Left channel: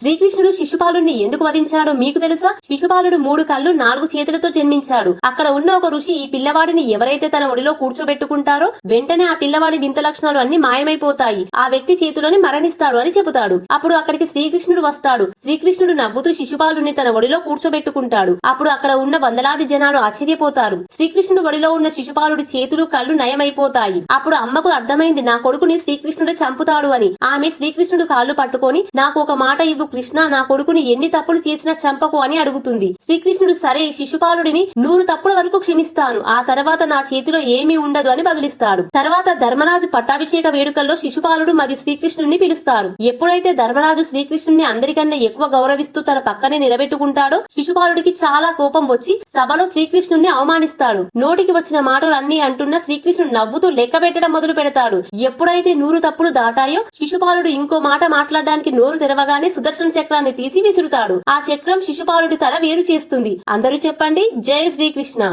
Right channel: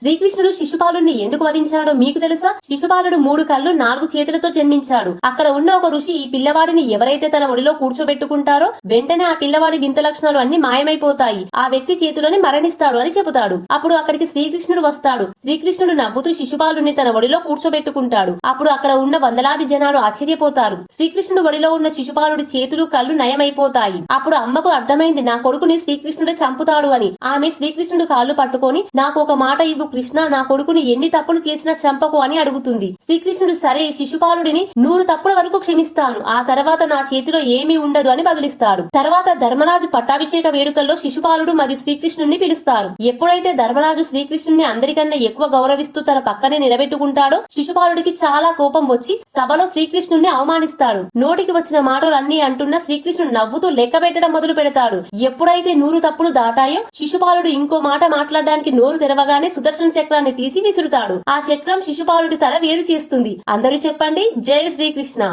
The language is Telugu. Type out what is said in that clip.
శ్రీకృష్ణుడు శిశుపాలుని ఎందుకు వధించాడో మీకు తెలుసా? శిశుపాలుడు మూడు కళ్ళు నాలుగు చేతులతో జన్మించాడు. అక్కడ ఉన్న ఒక ఋషి ఈ పిల్లవాడిని ఎవరైతే తన ఒడిలో కూర్చోబెట్టుకుంటారో వెంటనే ఆ పిల్లవాడి వింత లక్షణాలు అన్ని మాయమైపోతాయి. ఆ వ్యక్తి చేతిలోని మరణిస్తాడు అని చెబుతాడు. అప్పుడు అక్కడికి శ్రీకృష్ణుడు వస్తాడు. శ్రీకృష్ణుడు నవ్వుతూ శిశుపాలుని తన ఒడిలో కూర్చోబెట్టుకుంటాడు. అప్పుడు అక్కడ ఉన్న వందలాది జనాలు ఆశ్చర్యపోతారు. శ్రీకృష్ణుడు ఒడిలో ఉన్న శిశుపాలుడి చేతులు కళ్ళు నయమైపోతాయి. అప్పుడు అమ్మకు అర్థమైంది నా కొడుకుని శ్రీకృష్ణుడు చంపుతాడు అని. ఆమె శ్రీకృష్ణుడు కాళ్ళు పట్టుకొని నాకు ఒక మాట ఇవ్వు. కృష్ణ నా కొడుకుని ఎన్ని తప్పులు చేసినా చంపకు అని అడుగుతుంది. శ్రీకృష్ణుడు సరే శిశుపాలుడిని నూరు తప్పుల వరకు క్షమిస్తాను. ఆ తర్వాత నా చేతిలో ఏమీ ఉండదు అని బదులిస్తాడు. తర్వాత ధర్మరాజు పట్టాభిషేక వేడుకల్లో శిశుపాలుడు మరియు శ్రీకృష్ణుని పిలుస్తారు. ఎప్పుడైతే ధర్మరాజు శ్రీకృష్ణుడిని అందరికన్నా ఎక్కువ గౌరవిస్తూ తన పక్కనే నిలబెట్టుకుంటాడో శిశుపాలుడికి చాలా కోపం వచ్చి సభలో శ్రీకృష్ణుడిని అవమానిస్తాడు. నోటికి వచ్చిన మాటలు అన్ని అంటున్న శ్రీకృష్ణుడు నవ్వుతూ లెక్క పెట్టడం మొదలు పెడతాడు. ఎప్పుడైతే నూరు తప్పులు దాటాయో శిశుపాలుడు ఇంకో మాట మాట్లాడడానికి నోరు తెరవగానే సుదర్శన చక్రాన్ని తీసి విసురుతాడు ఆ చక్రం శిశుపాలుడి తల వేరు చేస్తుంది. అందరూ చెప్పండి. జయ శ్రీకృష్ణ.